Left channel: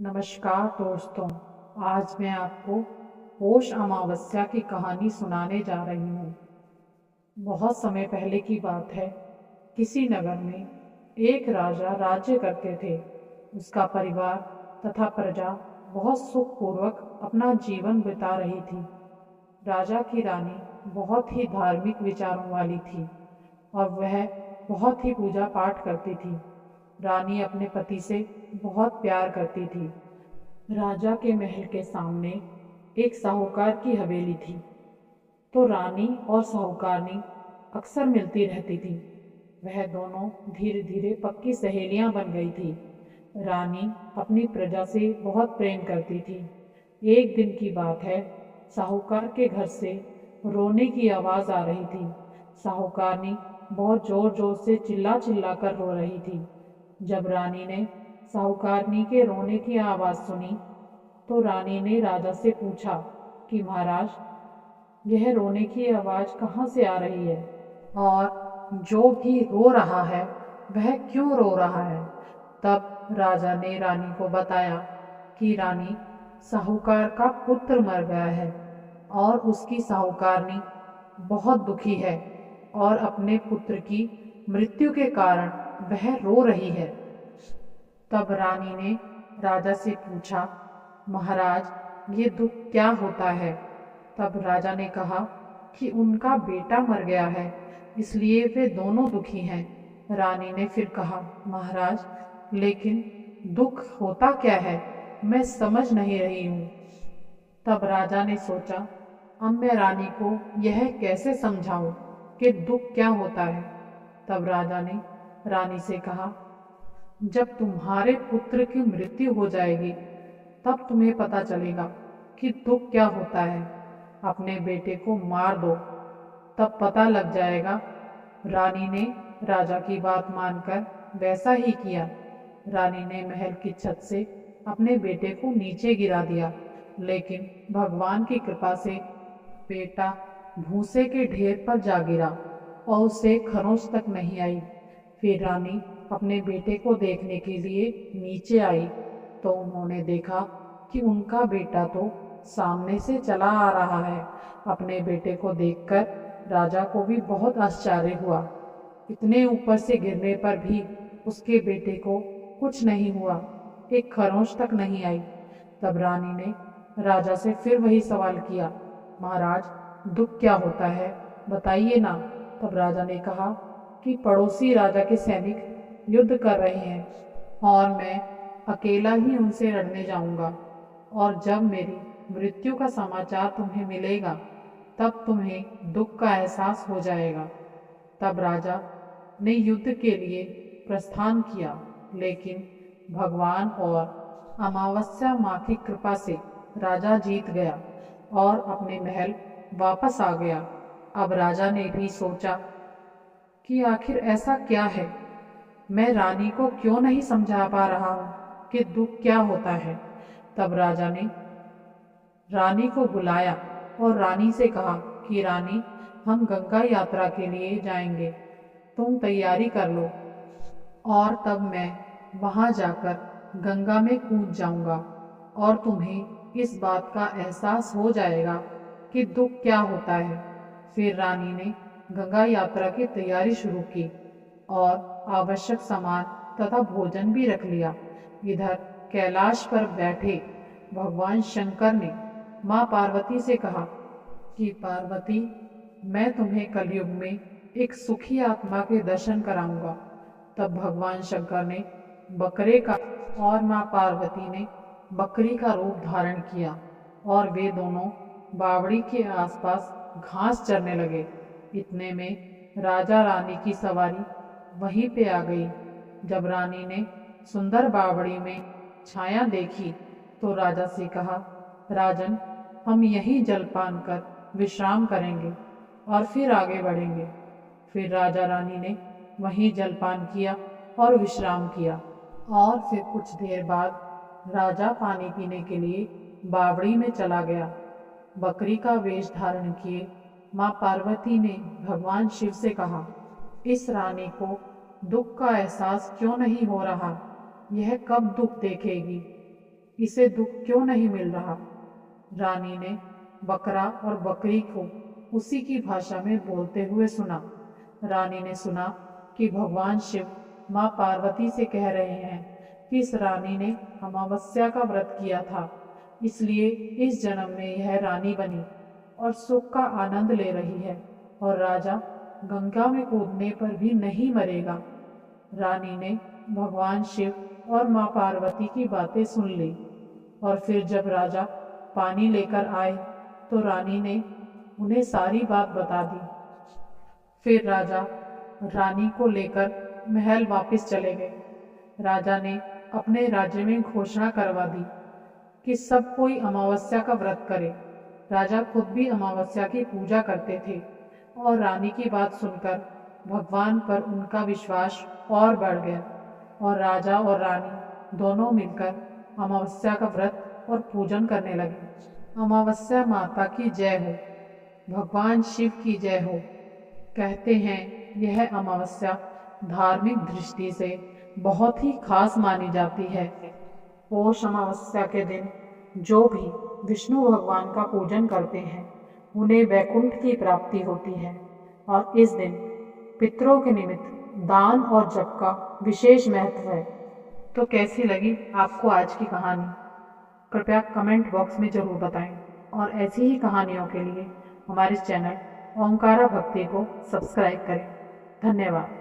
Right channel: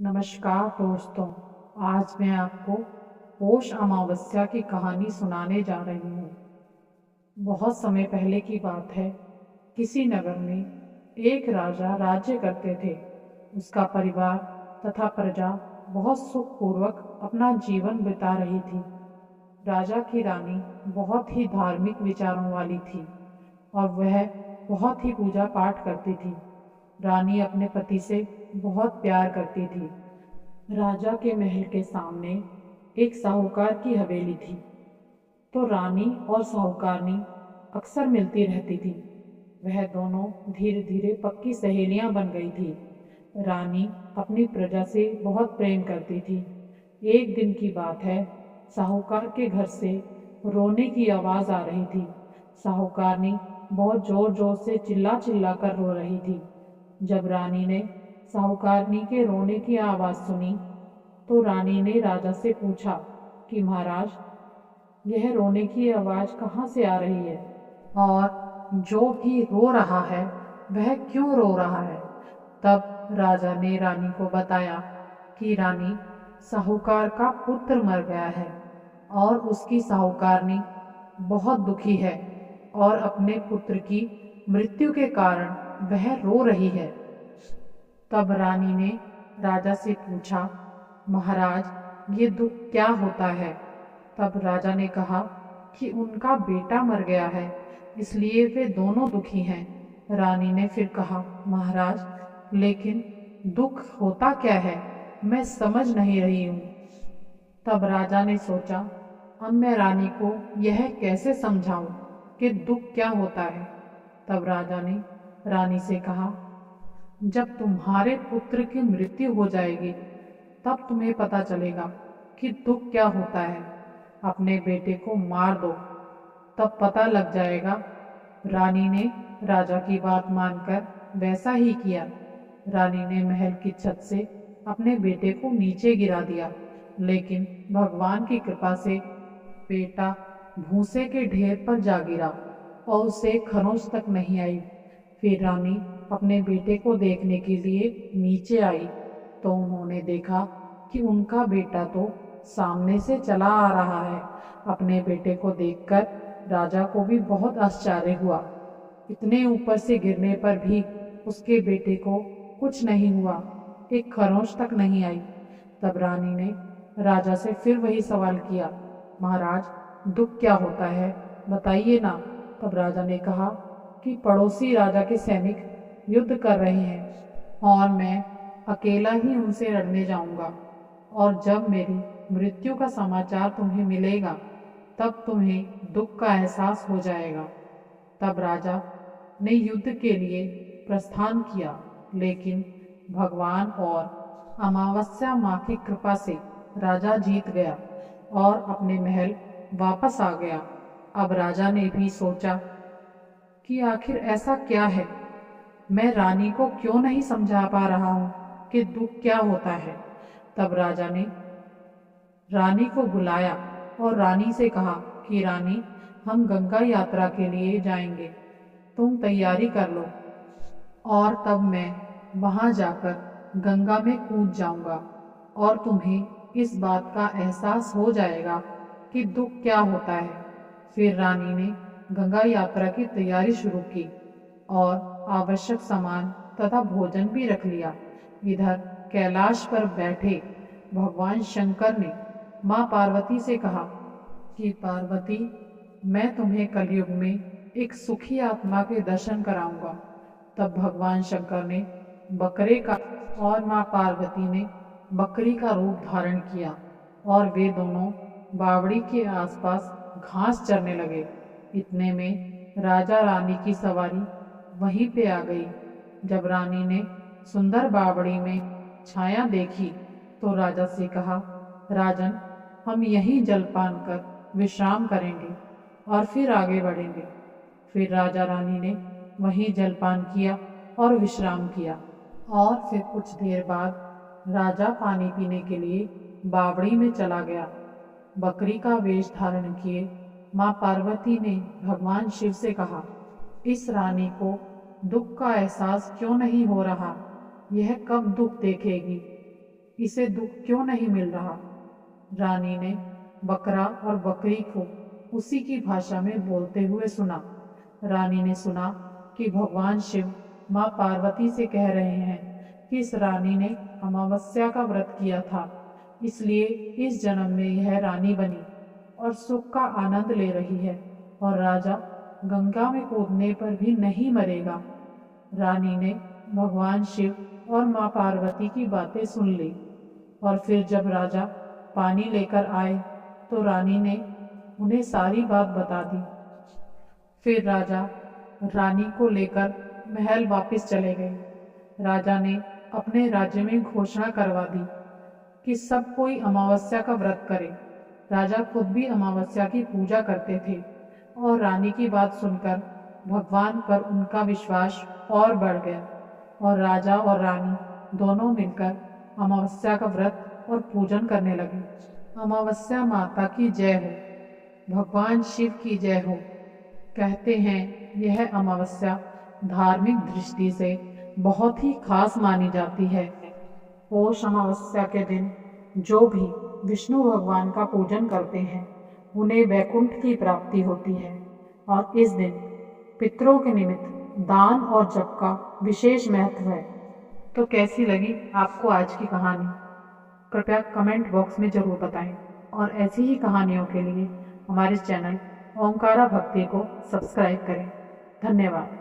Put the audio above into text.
नमस्कार दोस्तों। आज मैं आपको पौष अमावस्या की कहानी सुनाने जा रही हूँ। बहुत समय पहले की बात है। किसी नगर में एक राजा राज्य करते थे। उसका परिवार तथा प्रजा बहुत सुखपूर्वक अपना जीवन बिता रही थी। राजा की रानी बहुत ही धार्मिक विचारों वाली थी और वह बहुत ही पूजा पाठ करती थी। रानी अपने पति से बहुत प्यार करती थी। राजा के महल के सामने एक साहूकार की हवेली थी, तो रानी और साहूकारनी अक्सर मिलती रहती थी। वह दोनों धीरे धीरे पक्की सहेलियां बन गई थी। रानी अपनी प्रजा से बहुत प्रेम करती थी। एक दिन की बात है, साहूकार के घर से रोने की आवाज़ आ रही थी। साहूकारनी बहुत जोर जोर से चिल्ला चिल्ला कर रो रही थी। जब रानी ने साहूकारनी के रोने की आवाज़ सुनी, तो रानी ने राजा से पूछा कि महाराज, यह रोने की आवाज़ कहाँ से आ रही है और जो भी रो रहा है वह क्यों रो रहा है। तब राजा ने रानी को बताया कि रानी, साहूकार का पुत्र मर गया है और उसकी साहूकारनी बहुत दुखी है और अपने पुत्र की मृत्यु के कारण वह रो रही है। तब रानी ने राजा से पूछा, महाराज, ये दुख क्या होता है। तब राजा ने कहा कि उनका बेटा मर गया है, इसलिए वे दोनों दुखी हैं। रानी ने फिर कहा, महाराज, लेकिन दुख होता क्या है, मैं समझ नहीं रही हूँ। तब राजा ने सोचा, अब मैं रानी को यह कैसे समझाऊं कि दुख क्या होता है। तब राजा ने रानी से कहा, जब तुम्हारे पुत्र की मृत्यु हो जाएगी तब तुम्हें पता चलेगा कि दुख क्या होता है। अपने बेटे को मार दो, तब पता लग जाएगा। रानी ने राजा की बात मानकर वैसा ही किया। रानी ने महल की छत से अपने बेटे को नीचे गिरा दिया, लेकिन भगवान की कृपा से बेटा भूसे के ढेर पर जा गिरा और उसे खरोंच तक नहीं आई। फिर रानी अपने बेटे को देखने के लिए नीचे आई, तो उन्होंने देखा कि उनका बेटा तो सामने से चला आ रहा है। अपने बेटे को देखकर राजा को भी बहुत आश्चर्य हुआ। इतने ऊपर से गिरने पर भी उसके बेटे को कुछ नहीं हुआ, एक खरोंच तक नहीं आई। तब रानी ने राजा से फिर वही सवाल किया, महाराज, दुख क्या होता है, बताइए ना। तब राजा ने कहा कि पड़ोसी राजा के सैनिक युद्ध कर रहे हैं और मैं अकेला ही उनसे लड़ने जाऊंगा, और जब मेरी मृत्यु का समाचार तुम्हें मिलेगा तब तुम्हें दुख का एहसास हो जाएगा। तब राजा ने युद्ध के लिए प्रस्थान किया, लेकिन भगवान और अमावस्या माँ की कृपा से राजा जीत गया और अपने महल वापस आ गया। अब राजा ने भी सोचा कि आखिर ऐसा क्या है, मैं रानी को क्यों नहीं समझा पा रहा हूँ कि दुख क्या होता है। तब राजा ने रानी को बुलाया और रानी से कहा कि रानी, हम गंगा यात्रा के लिए जाएंगे, तुम तैयारी कर लो और तब मैं वहाँ जाकर गंगा में कूद जाऊंगा और तुम्हें इस बात का एहसास हो जाएगा कि दुख क्या होता है। फिर रानी ने गंगा यात्रा की तैयारी शुरू की और आवश्यक सामान तथा भोजन भी रख लिया। इधर कैलाश पर बैठे भगवान शंकर ने माँ पार्वती से कहा कि पार्वती, मैं तुम्हें कलयुग में एक सुखी आत्मा के दर्शन कराऊंगा। तब भगवान शंकर ने बकरे का और माँ पार्वती ने बकरी का रूप धारण किया और वे दोनों बावड़ी के आसपास घास चरने लगे। इतने में राजा रानी की सवारी वहीं पे आ गई। जब रानी ने सुंदर बावड़ी में छाया देखी तो राजा से कहा, राजन, हम यहीं जलपान कर विश्राम करेंगे और फिर आगे बढ़ेंगे। फिर राजा रानी ने वहीं जलपान किया और विश्राम किया और फिर कुछ देर बाद राजा पानी पीने के लिए बावड़ी में चला गया। बकरी का वेश धारण किए माँ पार्वती ने भगवान शिव से कहा, इस रानी को दुख का एहसास क्यों नहीं हो रहा, यह कब दुख देखेगी। इसे दुख क्यों नहीं मिल रहा? रानी ने बकरा और बकरी को उसी की भाषा में बोलते हुए सुना। रानी ने सुना कि भगवान शिव माँ पार्वती से कह रहे हैं कि इस रानी ने अमावस्या का व्रत किया था, इसलिए इस जन्म में यह रानी बनी और सुख का आनंद ले रही है, और राजा गंगा में कूदने पर भी नहीं मरेगा। रानी ने भगवान शिव और माँ पार्वती की बातें सुन ली, और फिर जब राजा पानी लेकर आए तो रानी ने उन्हें सारी बात बता दी। फिर राजा रानी को लेकर महल वापस चले गए। राजा ने अपने राज्य में घोषणा करवा दी कि सब कोई अमावस्या का व्रत करे। राजा खुद भी अमावस्या की पूजा करते थे, और रानी की बात सुनकर भगवान पर उनका विश्वास और बढ़ गया, और राजा और रानी दोनों मिलकर अमावस्या का व्रत और पूजन करने लगे। अमावस्या माता की जय हो, भगवान शिव की जय हो। कहते हैं यह अमावस्या धार्मिक दृष्टि से बहुत ही खास मानी जाती है। पौष अमावस्या के दिन जो भी विष्णु भगवान का पूजन करते हैं उन्हें वैकुंठ की प्राप्ति होती है, और इस दिन पितरों के निमित्त दान और जप का विशेष महत्व है। तो कैसी लगी आपको आज की कहानी? कृपया कमेंट बॉक्स में ज़रूर बताएं, और ऐसी ही कहानियों के लिए हमारे चैनल ओंकारा भक्ति को सब्सक्राइब करें। धन्यवाद।